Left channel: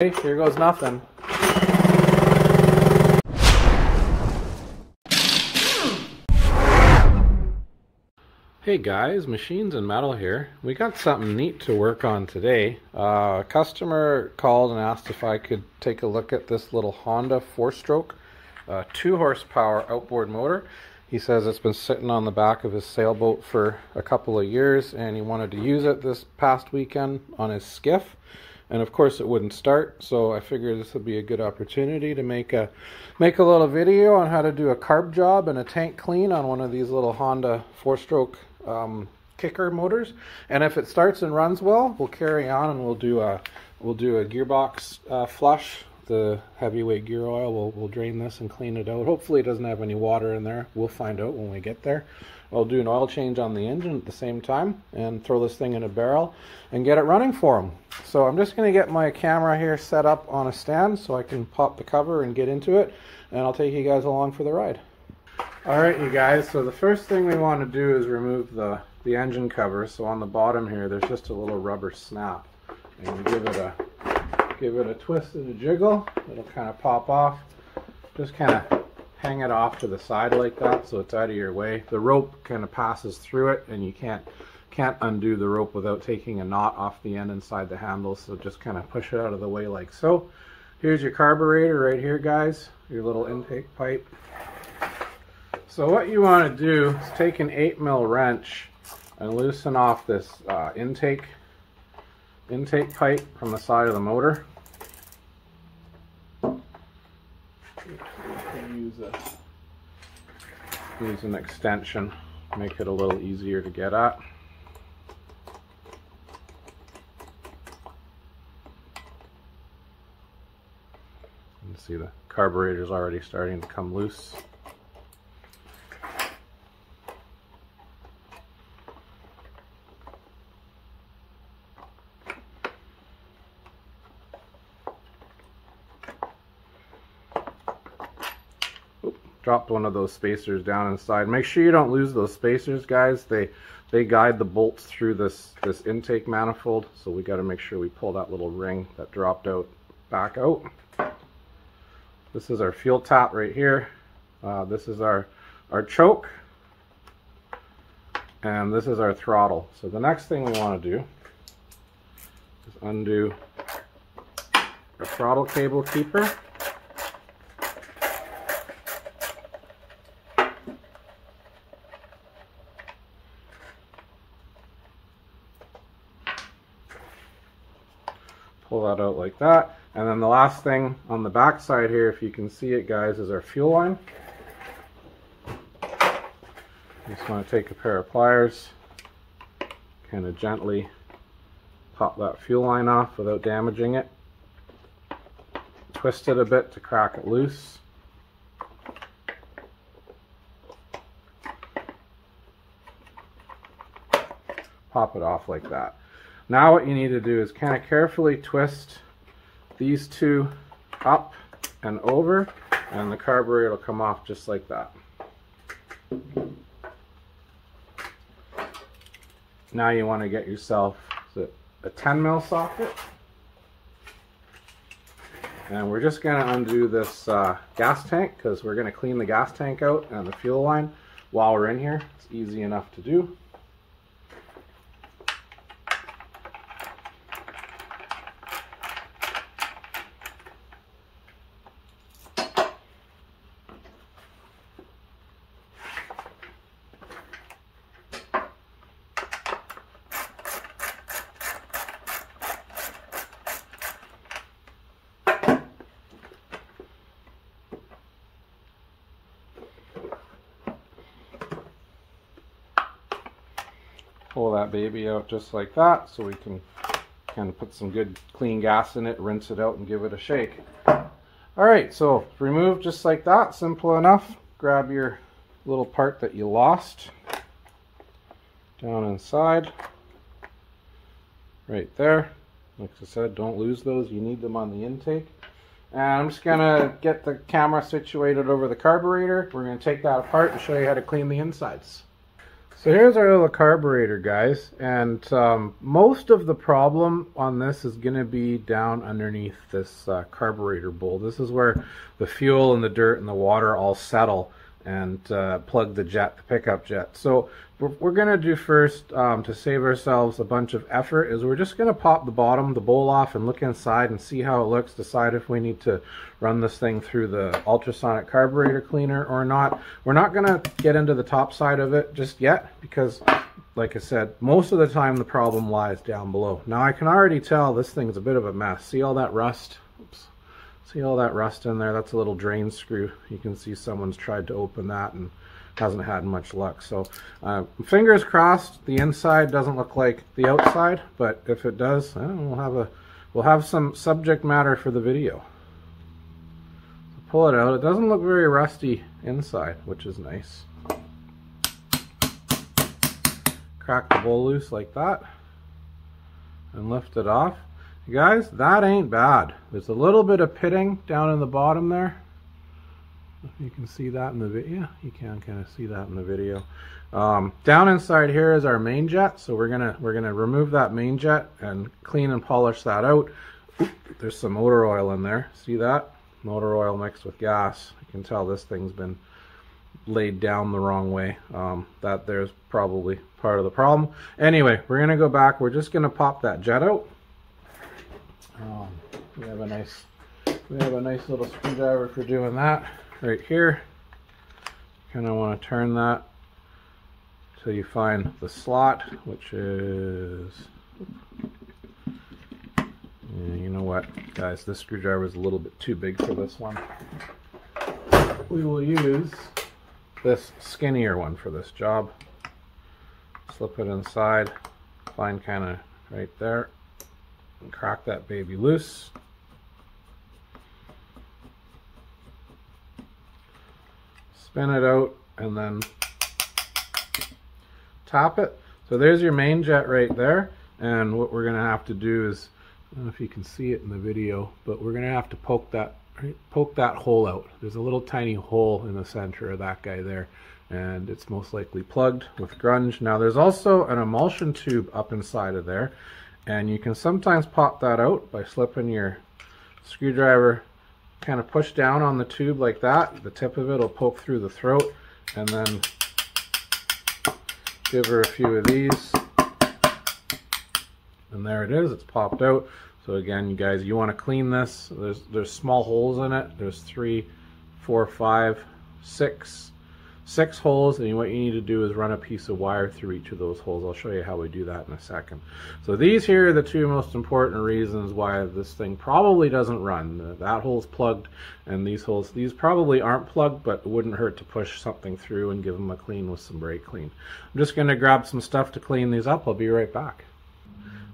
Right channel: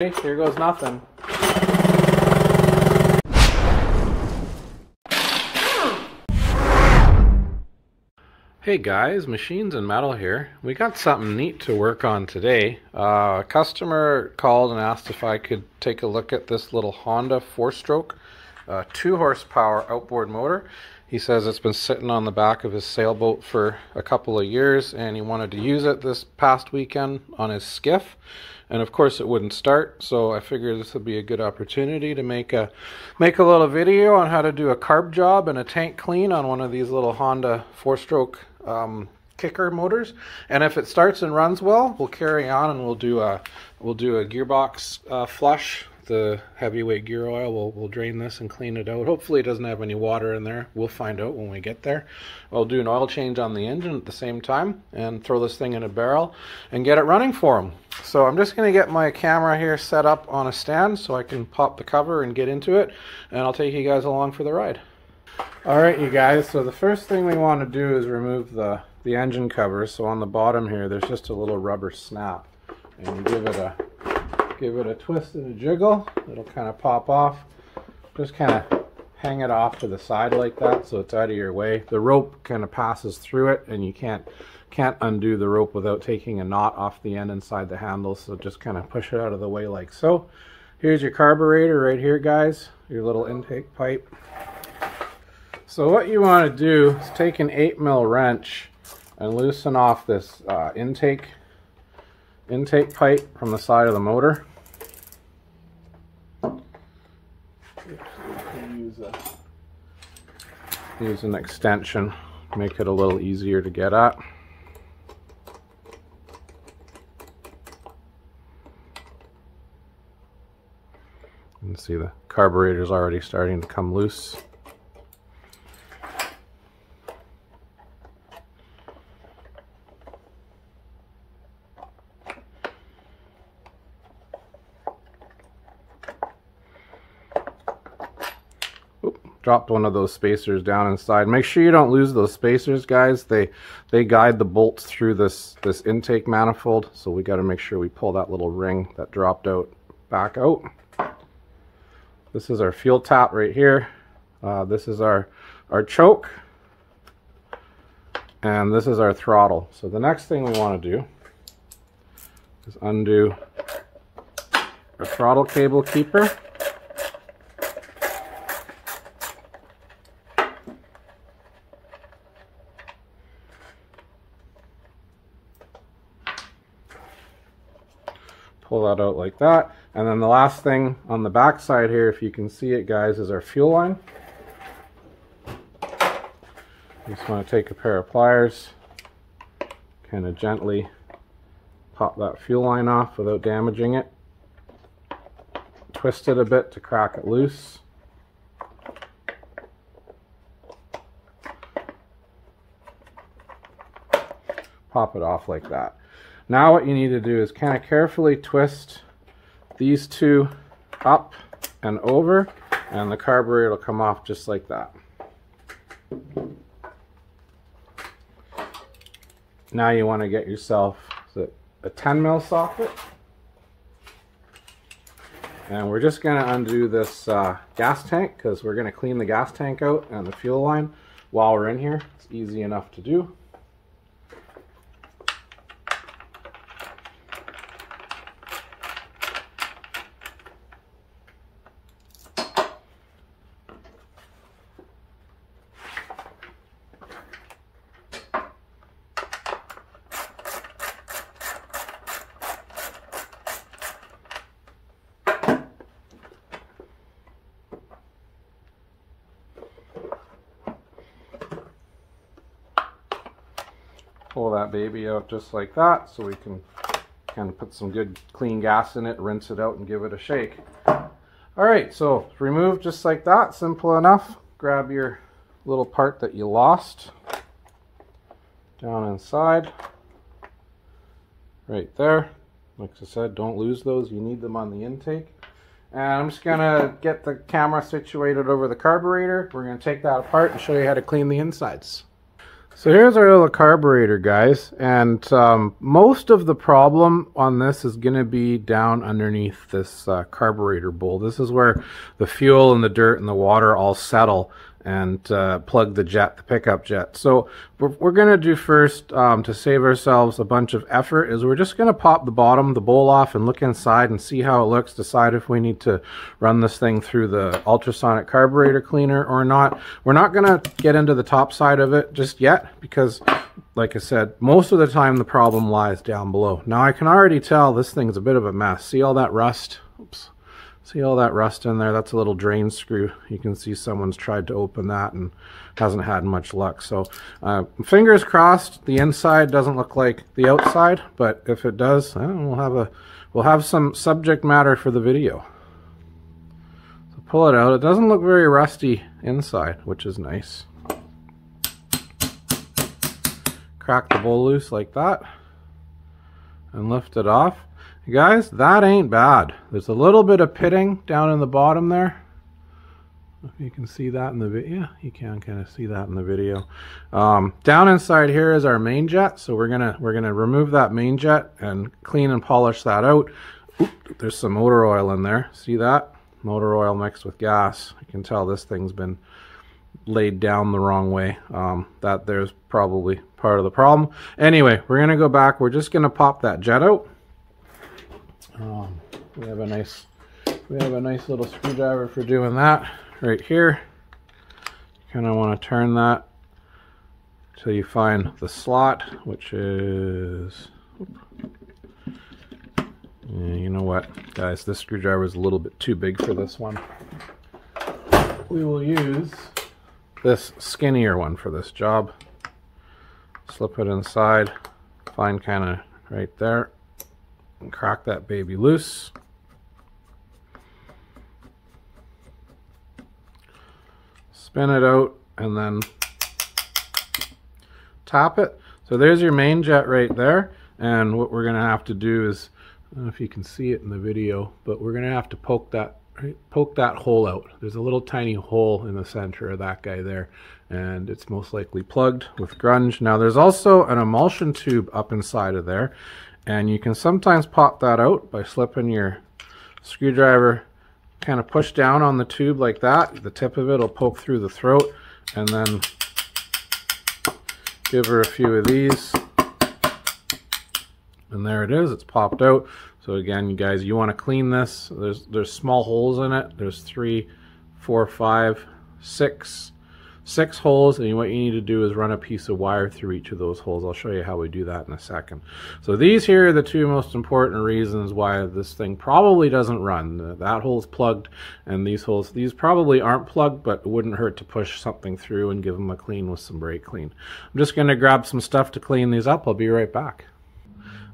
Here goes nothing. Hey guys, Machines and Metal here. We got something neat to work on today. A customer called and asked if I could take a look at this little Honda 4-stroke 2 horsepower outboard motor. He says it's been sitting on the back of his sailboat for a couple of years and he wanted to use it this past weekend on his skiff. And of course it wouldn't start, so I figured this would be a good opportunity to make a little video on how to do a carb job and a tank clean on one of these little Honda 4-stroke kicker motors. And if it starts and runs well, we'll carry on and we'll do a gearbox flush. The heavyweight gear oil, we'll drain this and clean it out. Hopefully it doesn't have any water in there. We'll find out when we get there. I'll do an oil change on the engine at the same time and throw this thing in a barrel and get it running for him. So I'm just going to get my camera here set up on a stand so I can pop the cover and get into it, and I'll take you guys along for the ride. Alright you guys, so the first thing we want to do is remove the engine cover. So on the bottom here there's just a little rubber snap, and we give it a twist and a jiggle. It'll kind of pop off. Just kind of hang it off to the side like that so it's out of your way. The rope kind of passes through it and you can't undo the rope without taking a knot off the end inside the handle, so just kind of push it out of the way like so. Here's your carburetor right here guys, your little intake pipe. So what you want to do is take an 8mm wrench and loosen off this intake pipe from the side of the motor. Use an extension, make it a little easier to get at. You can see the carburetor is already starting to come loose. Dropped one of those spacers down inside. Make sure you don't lose those spacers guys. They guide the bolts through this intake manifold, so we got to make sure we pull that little ring that dropped out back out. This is our fuel tap right here. This is our choke, and this is our throttle. So the next thing we want to do is undo our throttle cable keeper. Pull that out like that. And then the last thing on the back side here, if you can see it guys, is our fuel line. Just want to take a pair of pliers, kind of gently pop that fuel line off without damaging it. Twist it a bit to crack it loose. Pop it off like that. Now what you need to do is kind of carefully twist these two up and over, and the carburetor will come off just like that. Now you want to get yourself a 10mm socket, and we're just going to undo this gas tank because we're going to clean the gas tank out and the fuel line while we're in here. It's easy enough to do. Pull that baby out just like that so we can kind of put some good clean gas in it, rinse it out and give it a shake. Alright, so remove just like that, simple enough. Grab your little part that you lost down inside, right there. Like I said, don't lose those, you need them on the intake. And I'm just going to get the camera situated over the carburetor. We're going to take that apart and show you how to clean the insides. So here's our little carburetor, guys, and most of the problem on this is going to be down underneath this carburetor bowl. This is where the fuel and the dirt and the water all settle and plug the jet, the pickup jet. So what we're going to do first to save ourselves a bunch of effort is we're just going to pop the bottom, the bowl off, and look inside and see how it looks, decide if we need to run this thing through the ultrasonic carburetor cleaner or not. We're not going to get into the top side of it just yet because, like I said, most of the time the problem lies down below. Now I can already tell this thing's a bit of a mess. See all that rust? Oops. See all that rust in there? That's a little drain screw. You can see someone's tried to open that and hasn't had much luck. So fingers crossed the inside doesn't look like the outside, but if it does, we'll have some subject matter for the video. So pull it out. It doesn't look very rusty inside, which is nice. Crack the bowl loose like that and lift it off. Guys, that ain't bad. There's a little bit of pitting down in the bottom there. You can see that in the video. Yeah, you can kind of see that in the video. Down inside here is our main jet, so we're gonna remove that main jet and clean and polish that out. Oop, there's some motor oil in there. See that? Motor oil mixed with gas. You can tell this thing's been laid down the wrong way. That there's probably part of the problem. Anyway, we're gonna go back. We're just gonna pop that jet out. We have a nice little screwdriver for doing that right here. Kind of want to turn that till you find the slot, which is, you know what, guys, this screwdriver is a little bit too big for this one. We will use this skinnier one for this job. Slip it inside, find kind of right there, and crack that baby loose. Spin it out and then tap it. So there's your main jet right there, and what we're going to have to do is, I don't know if you can see it in the video, but we're going to have to poke that hole out. There's a little tiny hole in the center of that guy there, and it's most likely plugged with grunge. Now there's also an emulsion tube up inside of there, and you can sometimes pop that out by slipping your screwdriver, kind of push down on the tube like that. The tip of it will poke through the throat, and then give her a few of these, and there it is. It's popped out. So again, you guys, you want to clean this. There's small holes in it. There's 3, 4, 5, 6 holes, and what you need to do is run a piece of wire through each of those holes. I'll show you how we do that in a second. So these here are the 2 most important reasons why this thing probably doesn't run. That hole's plugged, and these holes, these probably aren't plugged, but it wouldn't hurt to push something through and give them a clean with some brake clean. I'm just going to grab some stuff to clean these up. I'll be right back.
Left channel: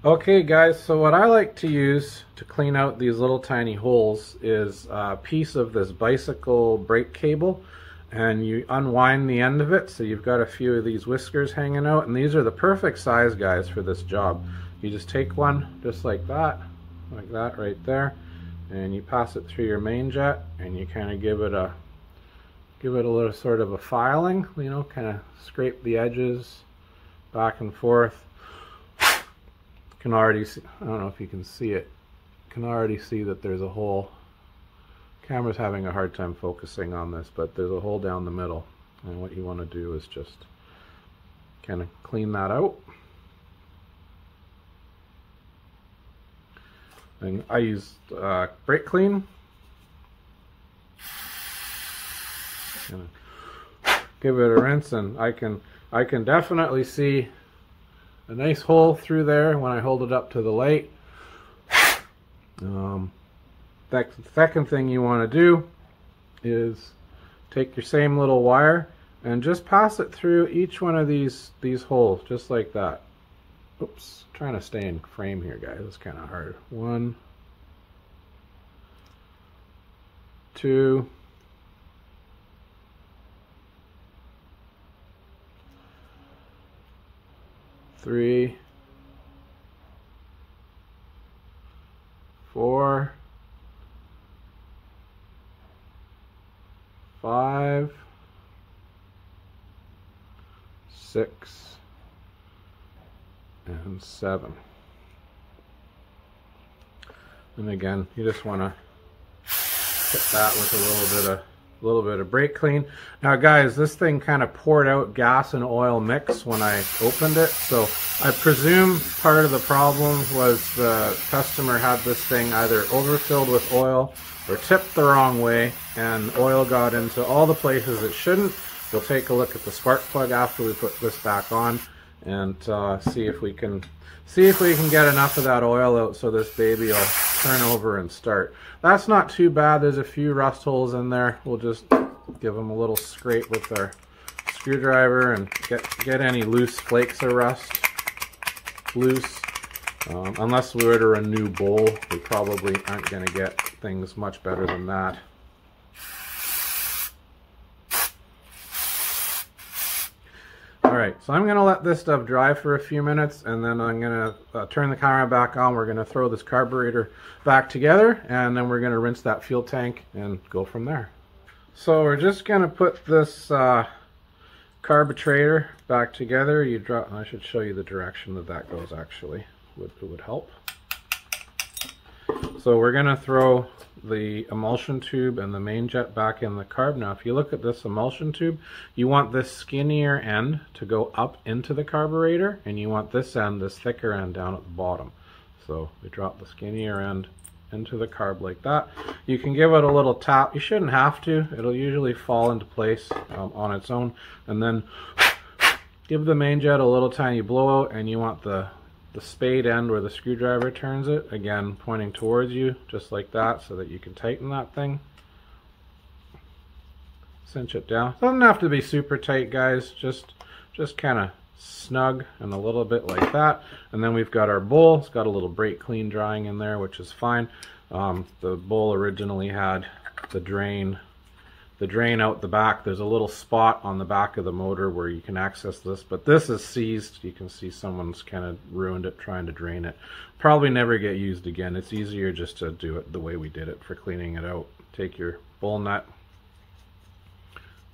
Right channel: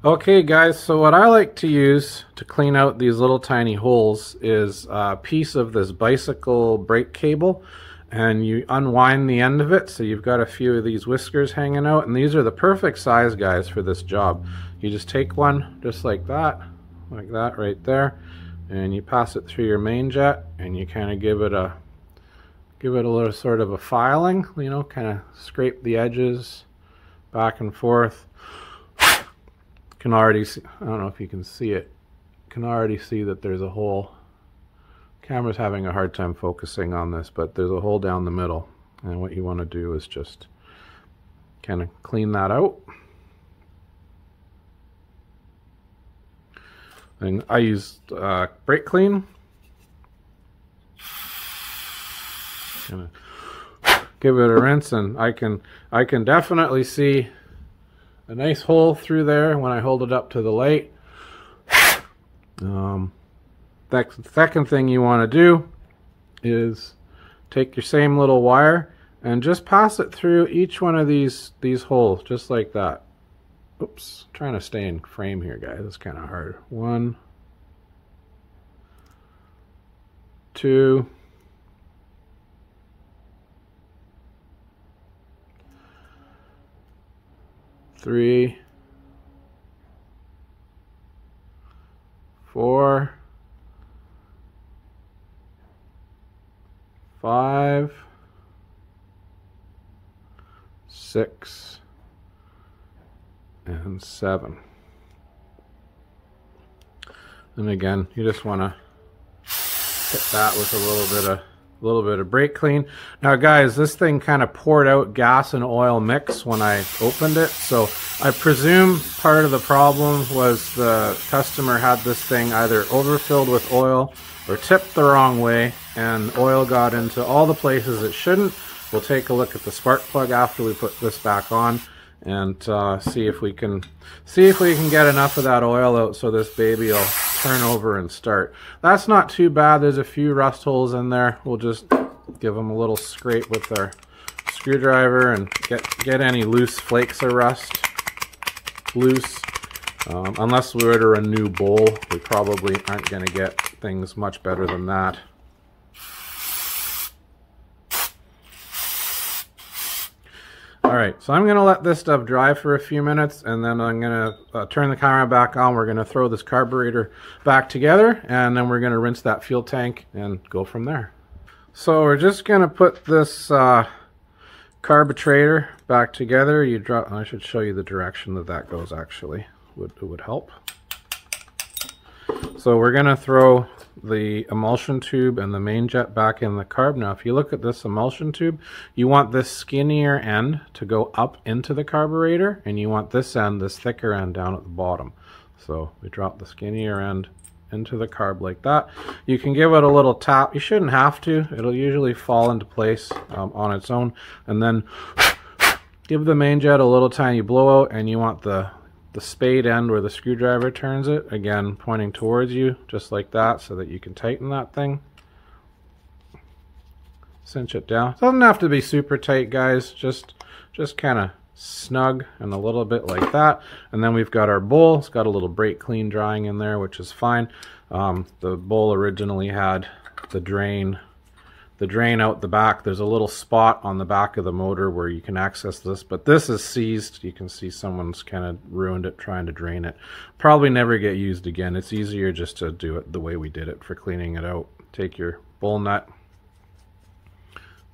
Okay guys, so what I like to use to clean out these little tiny holes is a piece of this bicycle brake cable, and you unwind the end of it, so you've got a few of these whiskers hanging out, and these are the perfect size, guys, for this job. You just take one just like that right there, and you pass it through your main jet, and you kind of give it a little sort of a filing, you know, kind of scrape the edges back and forth. Can already see, I don't know if you can see it, can already see that there's a hole. Camera's having a hard time focusing on this, but there's a hole down the middle, and what you want to do is just kind of clean that out. And I used brake clean. Give it a rinse, and I can definitely see a nice hole through there when I hold it up to the light. The second thing you want to do is take your same little wire and just pass it through each one of these holes, just like that. Oops, trying to stay in frame here, guys. It's kind of hard. 1, 2, 3, 4, 5, 6, and 7. And again, you just want to put that with a little bit of brake clean. Now guys, this thing kind of poured out gas and oil mix when I opened it, so I presume part of the problem was the customer had this thing either overfilled with oil or tipped the wrong way, and oil got into all the places it shouldn't. We'll take a look at the spark plug after we put this back on and see if we can get enough of that oil out so this baby will turn over and start. That's not too bad. There's a few rust holes in there. We'll just give them a little scrape with our screwdriver and get any loose flakes of rust loose. Unless we order a new bowl, we probably aren't going to get things much better than that. Alright, so I'm going to let this stuff dry for a few minutes, and then I'm going to turn the camera back on. We're going to throw this carburetor back together, and then we're going to rinse that fuel tank and go from there. So we're just going to put this carburetor back together. I should show you the direction that goes, actually. It would help. So we're going to throw the emulsion tube and the main jet back in the carb. Now if you look at this emulsion tube, you want this skinnier end to go up into the carburetor, and you want this end, this thicker end, down at the bottom. So we drop the skinnier end into the carb like that. You can give it a little tap. You shouldn't have to. It'll usually fall into place on its own. And then give the main jet a little tiny blowout, and you want the spade end where the screwdriver turns it, again pointing towards you, just like that, so that you can tighten that thing. Cinch it down. Doesn't have to be super tight, guys, just kind of snug and a little bit like that. And then we've got our bowl. It's got a little brake clean drying in there, which is fine. The bowl originally had the drain out the back. There's a little spot on the back of the motor where you can access this, but this is seized. You can see someone's kind of ruined it trying to drain it. Probably never get used again. It's easier just to do it the way we did it for cleaning it out. Take your bowl nut,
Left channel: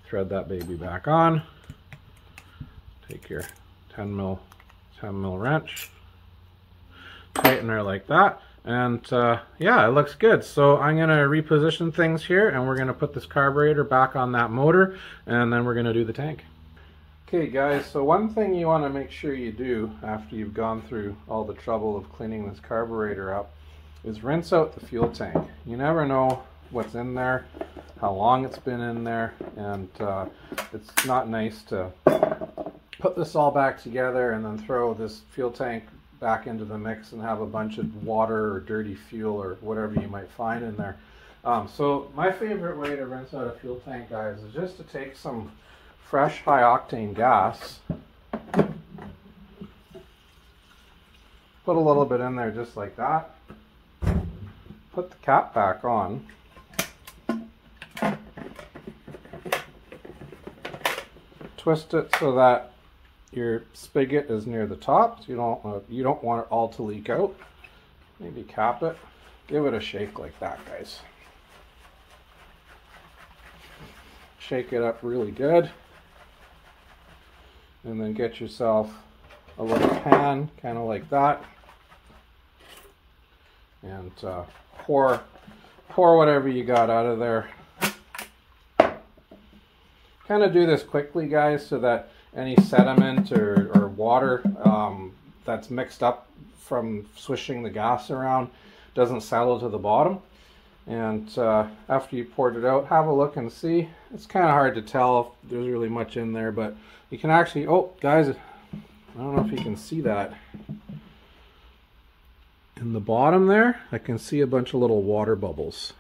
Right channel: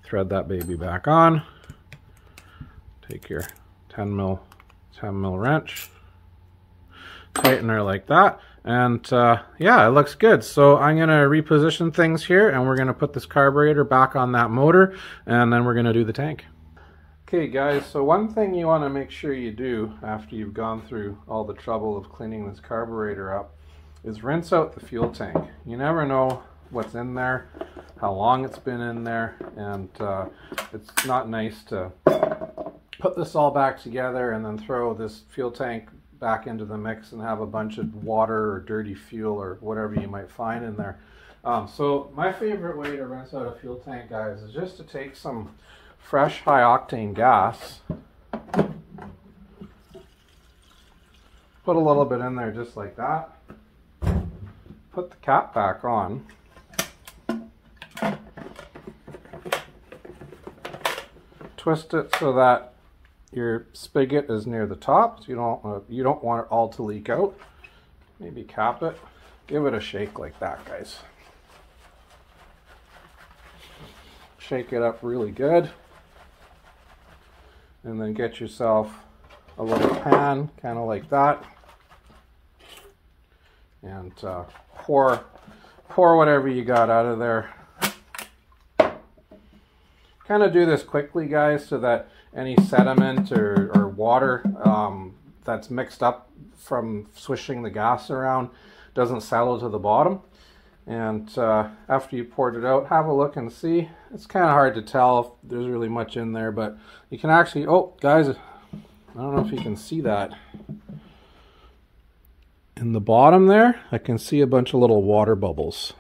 thread that baby back on, take your 10 mil wrench, tighten her like that. And yeah, it looks good. So I'm going to reposition things here, and we're going to put this carburetor back on that motor, and then we're going to do the tank. Okay guys, so one thing you want to make sure you do after you've gone through all the trouble of cleaning this carburetor up is rinse out the fuel tank. You never know what's in there, how long it's been in there, and it's not nice to put this all back together and then throw this fuel tank back into the mix and have a bunch of water or dirty fuel or whatever you might find in there. So my favorite way to rinse out a fuel tank, guys, is just to take some fresh high octane gas, put a little bit in there just like that, put the cap back on, twist it so that your spigot is near the top, so you don't want it all to leak out. Maybe cap it. Give it a shake like that, guys. Shake it up really good. And then get yourself a little pan, kind of like that. And pour whatever you got out of there. Kind of do this quickly, guys, so that any sediment or water that's mixed up from swishing the gas around doesn't settle to the bottom. And after you poured it out, have a look and see. It's kind of hard to tell if there's really much in there, but you can actually, oh guys, I don't know if you can see that. In the bottom there, I can see a bunch of little water bubbles.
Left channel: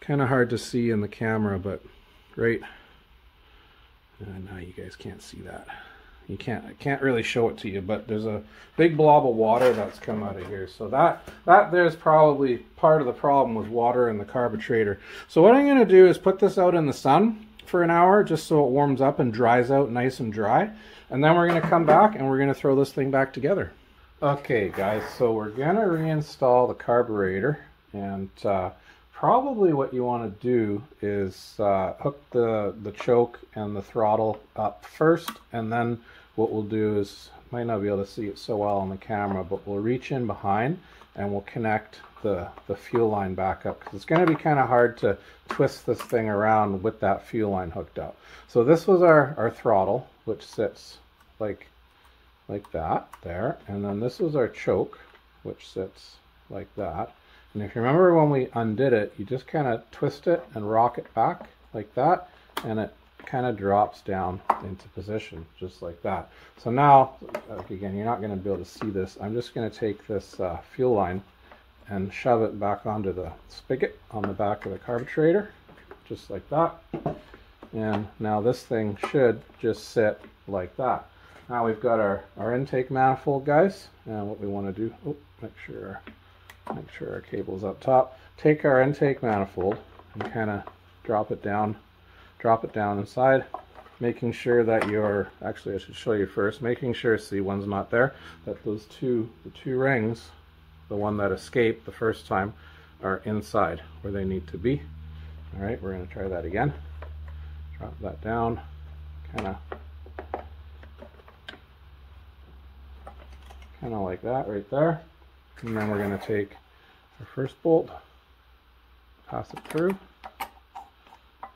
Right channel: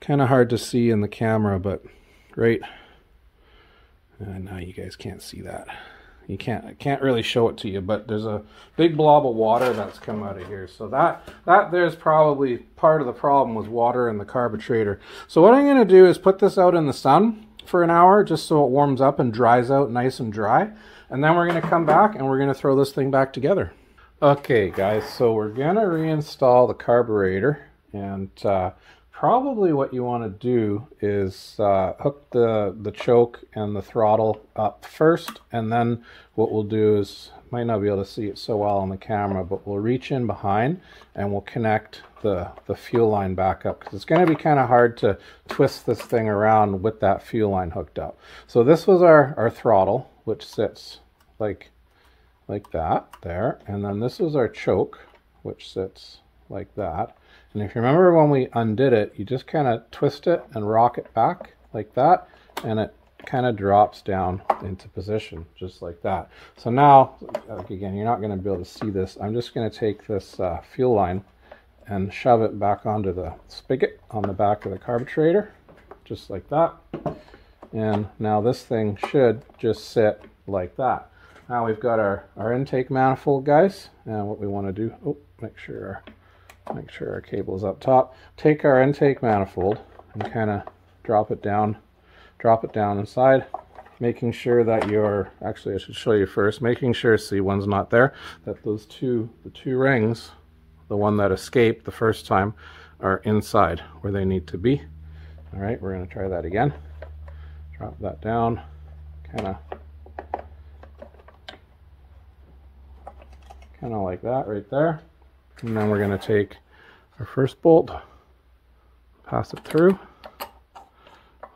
Kind of hard to see in the camera, but great. And now you guys can't see that. I can't really show it to you, but there's a big blob of water that's come out of here. So that there's probably part of the problem with water in the carburetor. So what I'm going to do is put this out in the sun for an hour, just so it warms up and dries out nice and dry. And then we're going to come back and we're going to throw this thing back together. Okay guys, so we're going to reinstall the carburetor, and probably what you want to do is hook the choke and the throttle up first, and then what we'll do is, might not be able to see it so well on the camera, but we'll reach in behind and we'll connect the fuel line back up, because it's going to be kind of hard to twist this thing around with that fuel line hooked up. So this was our throttle, which sits like that there, and then this was our choke, which sits like that. And if you remember when we undid it, you just kind of twist it and rock it back like that, and it kind of drops down into position just like that. So now, again, you're not going to be able to see this. I'm just going to take this fuel line and shove it back onto the spigot on the back of the carburetor, just like that. And now this thing should just sit like that. Now we've got our intake manifold, guys, and what we want to do, make sure our cable's up top. Take our intake manifold and kind of drop it down inside, making sure that actually I should show you first, making sure, see, one's not there, that the two rings, the one that escaped the first time, are inside where they need to be. All right, we're going to try that again. Drop that down, kind of like that right there. And then we're going to take our first bolt, pass it through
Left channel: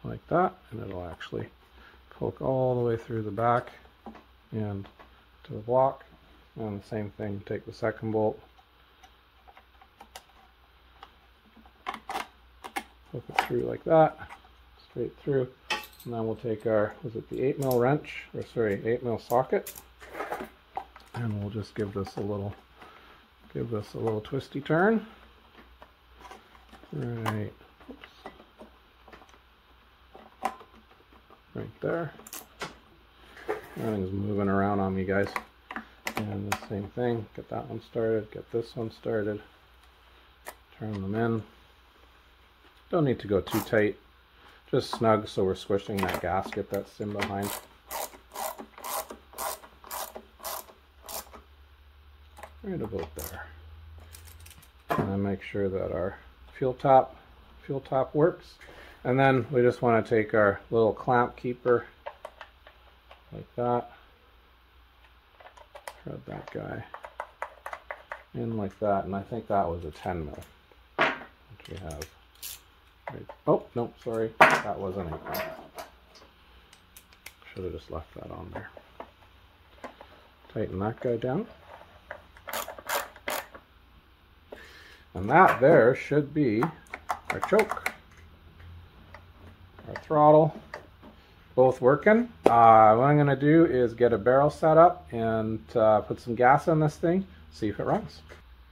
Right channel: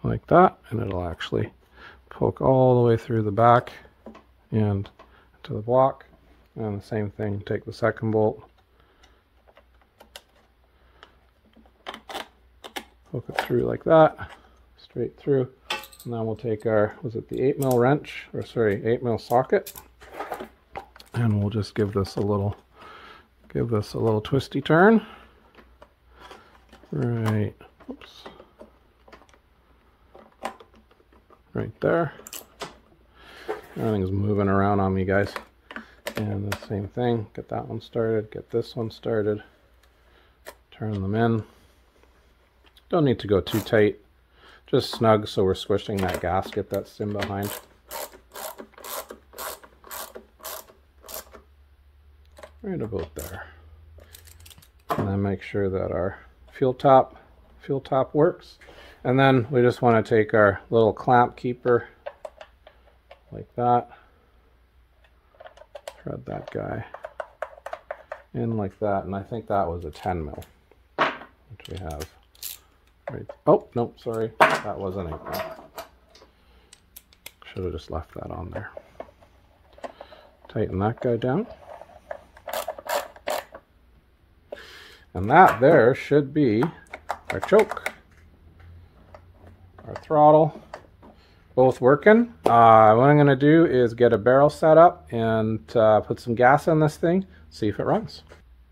like that, and it'll actually poke all the way through the back and to the block. And the same thing, take the second bolt, poke it through like that, straight through. And then we'll take our, was it the 8mm wrench, or sorry, 8mm socket, and we'll just give this a little twisty turn. Right, oops, right there. Everything's moving around on me, guys. And the same thing, get that one started, get this one started, turn them in. Don't need to go too tight, just snug so we're squishing that gasket that's in behind. Right about there. And then make sure that our fuel top works. And then we just want to take our little clamp keeper like that, thread that guy in like that, and I think that was a 10mm, which we have right. Oh no, sorry, that wasn't 8mm. Should have just left that on there. Tighten that guy down. And that there should be our choke, our throttle, both working. What I'm going to do is get a barrel set up and put some gas in this thing, see if it runs.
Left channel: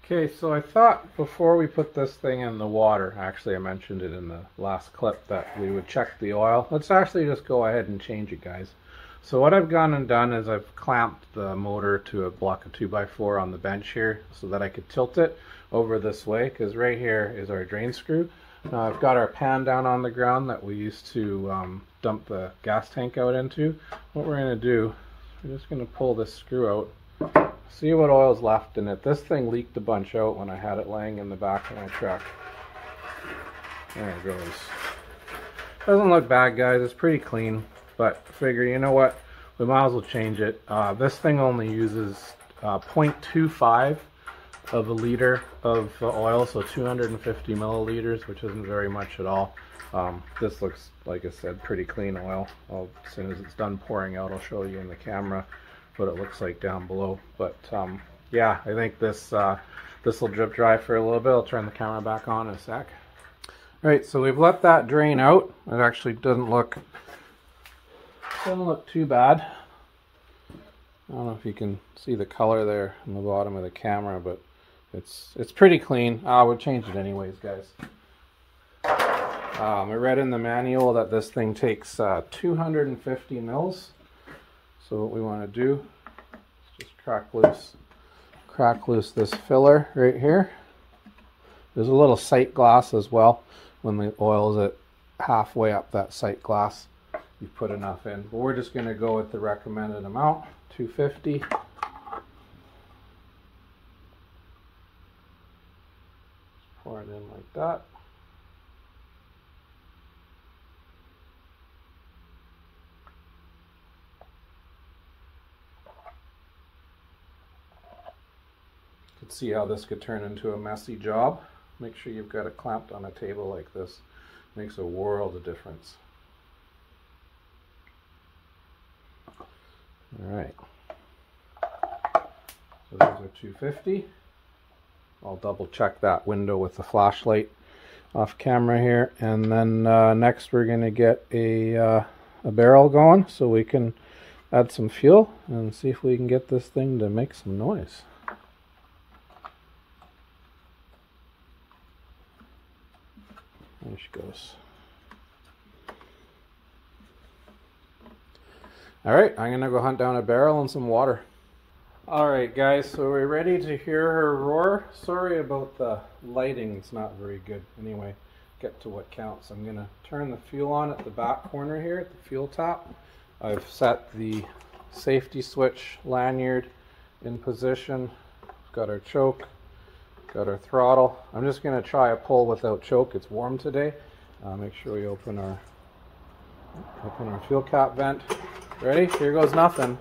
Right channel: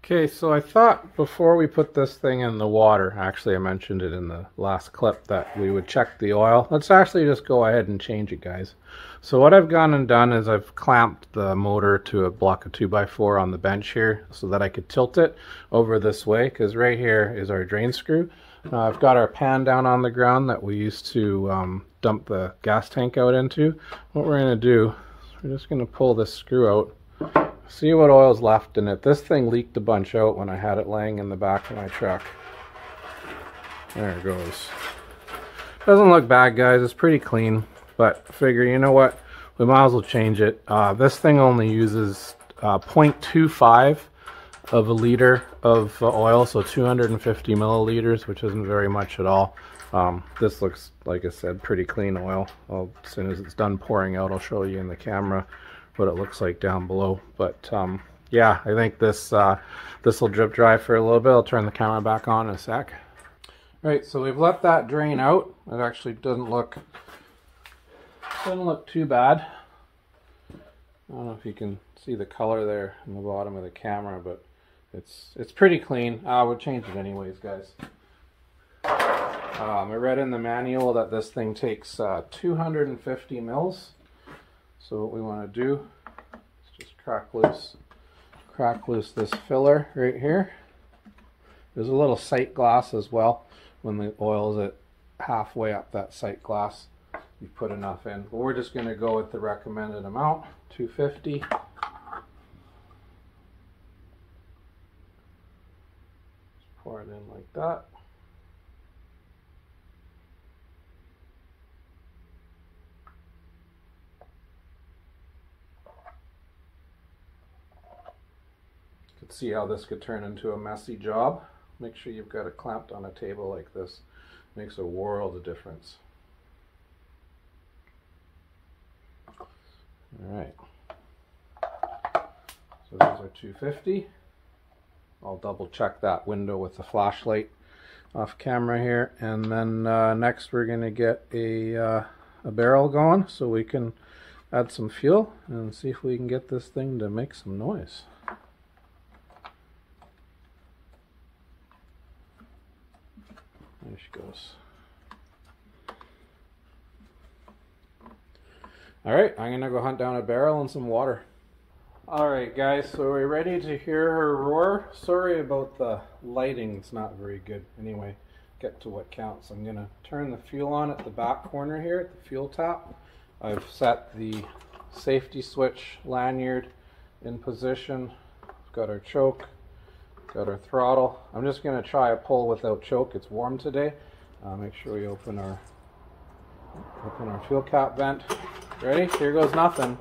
Okay, so I thought before we put this thing in the water, actually I mentioned it in the last clip, that we would check the oil. Let's actually just go ahead and change it, guys. So what I've gone and done is I've clamped the motor to a block of 2x4 on the bench here so that I could tilt it over this way, because right here is our drain screw. I've got our pan down on the ground that we used to dump the gas tank out into. What we're going to do is we're just going to pull this screw out, see what oil's left in it. This thing leaked a bunch out when I had it laying in the back of my truck. There it goes. Doesn't look bad, guys. It's pretty clean. But figure, you know what, we might as well change it. This thing only uses 0.25 of a liter of oil, so 250 milliliters, which isn't very much at all. This looks, like I said, pretty clean oil. As soon as it's done pouring out, I'll show you in the camera what it looks like down below. But yeah, I think this will drip dry for a little bit. I'll turn the camera back on in a sec. All right, so we've let that drain out. It actually doesn't look too bad. I don't know if you can see the color there in the bottom of the camera, but it's pretty clean. We'll change it anyways, guys. I read in the manual that this thing takes 250 mils. So what we want to do is just crack loose this filler right here. There's a little sight glass as well. When the oil is at halfway up that sight glass, you put enough in, but we're just going to go with the recommended amount, 250. Pour it in like that. could see how this could turn into a messy job. Make sure you've got it clamped on a table like this. Makes a world of difference. Alright. So these are 250. I'll double check that window with the flashlight off camera here. And then next we're going to get a barrel going so we can add some fuel and see if we can get this thing to make some noise. There she goes. Alright, I'm going to go hunt down a barrel and some water. Alright guys, so we're ready to hear her roar. Sorry about the lighting, it's not very good. Anyway, get to what counts. I'm going to turn the fuel on at the back corner here at the fuel tap. I've set the safety switch lanyard in position. Got our choke, got our throttle. I'm just going to try a pull without choke. It's warm today. Make sure we open our fuel cap vent. Ready? Here goes nothing.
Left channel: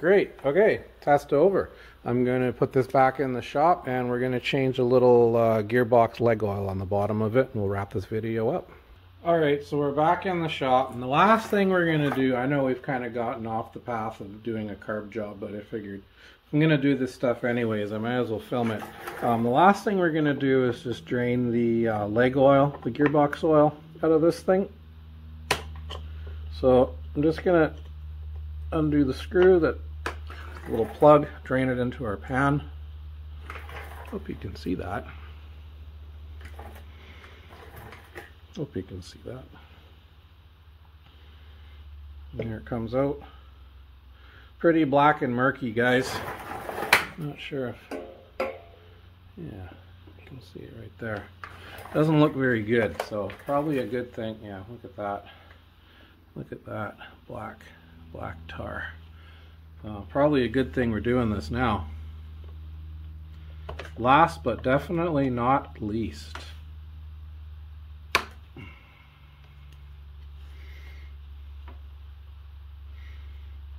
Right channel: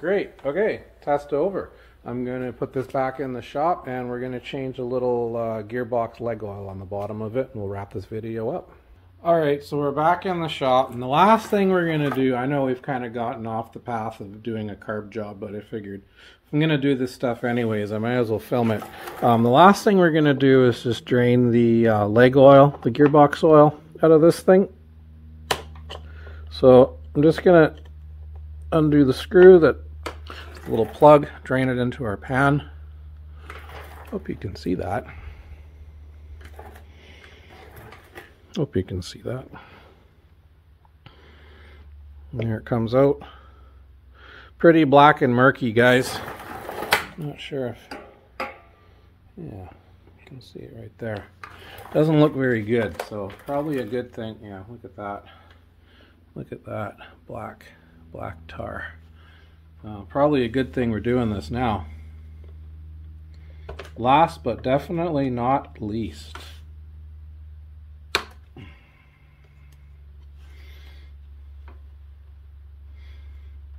Great. Okay, test over. I'm going to put this back in the shop and we're going to change a little gearbox leg oil on the bottom of it and we'll wrap this video up. Alright, so we're back in the shop and the last thing we're going to do, I know we've kind of gotten off the path of doing a carb job, but I figured if I'm going to do this stuff anyways, I might as well film it. The last thing we're going to do is just drain the leg oil, the gearbox oil out of this thing. So I'm just going to undo the screw that little plug, drain it into our pan. Hope you can see that. Hope you can see that. And there it comes out. Pretty black and murky, guys. Not sure if, yeah, you can see it right there. Doesn't look very good, so probably a good thing. Yeah, look at that. Look at that black tar. Probably a good thing we're doing this now. Last but definitely not least.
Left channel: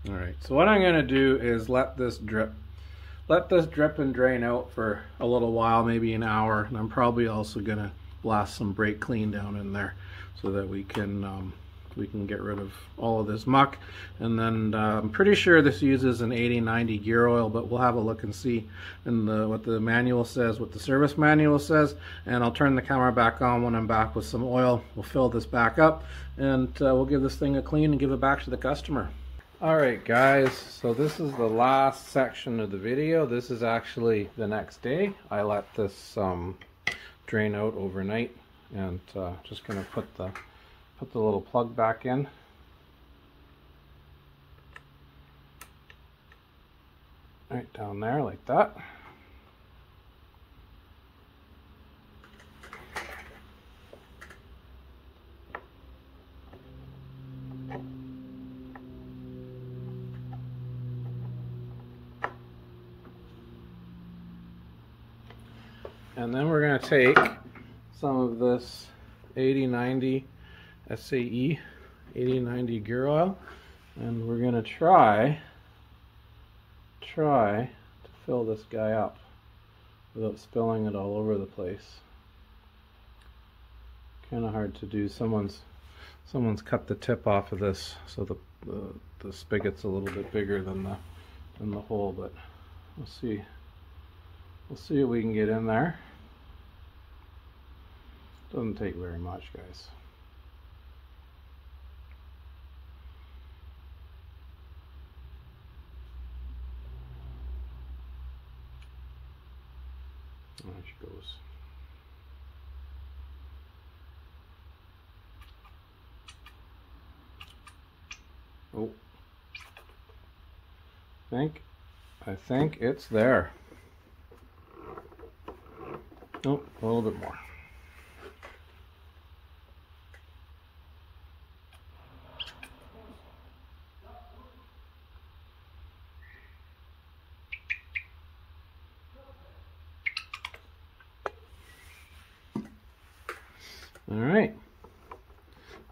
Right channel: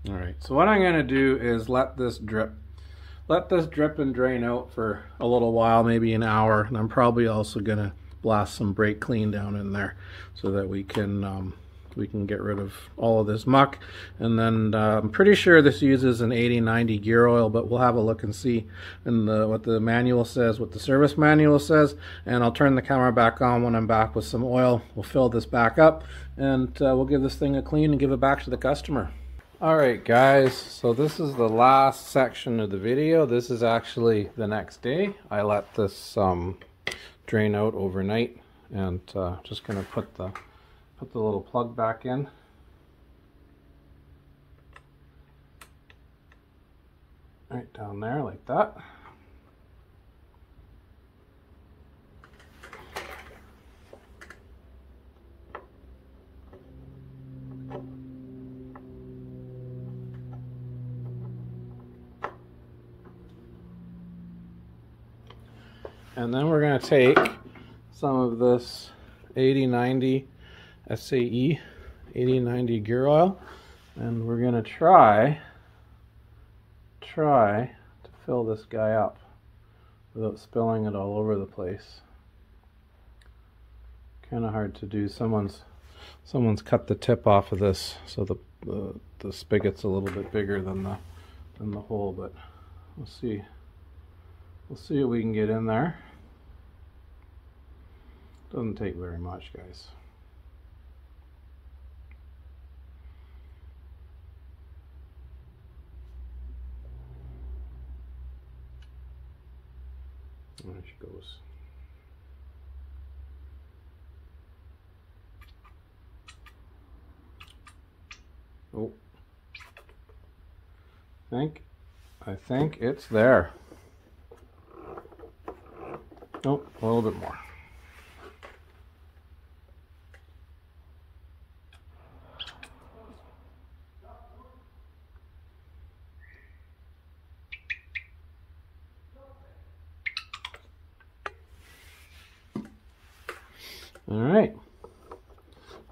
Alright, so what I'm going to do is let this drip. Let this drip and drain out for a little while, maybe an hour. And I'm probably also going to blast some brake clean down in there so that we can get rid of all of this muck. And then I'm pretty sure this uses an 80-90 gear oil, but we'll have a look and see in what the manual says, what the service manual says, and I'll turn the camera back on when I'm back with some oil. We'll fill this back up and we'll give this thing a clean and give it back to the customer. Alright guys, so this is the last section of the video. This is actually the next day. I let this drain out overnight and just going to put the little plug back in. Right down there like that. And then we're going to take some of this 80-90 SAE 80-90 gear oil and we're going to try to fill this guy up without spilling it all over the place. Kind of hard to do. Someone's cut the tip off of this so the spigot's a little bit bigger than the hole, but we'll see what we can get in there. Doesn't take very much, guys. There she goes. Oh, I think it's there. Oh, a little bit more. Alright,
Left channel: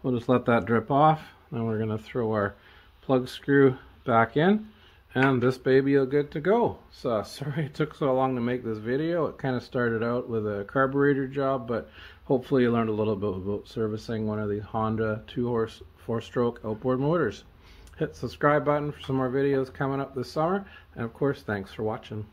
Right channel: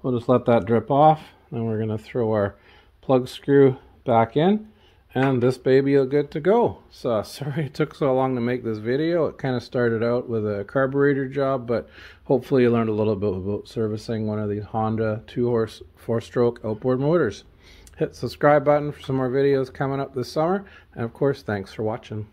we'll just let that drip off. Then we're going to throw our plug screw back in, and this baby is good to go. So sorry it took so long to make this video. It kind of started out with a carburetor job, but hopefully you learned a little bit about servicing one of these Honda 2-horse 4-stroke outboard motors. Hit the subscribe button for some more videos coming up this summer, and of course, thanks for watching.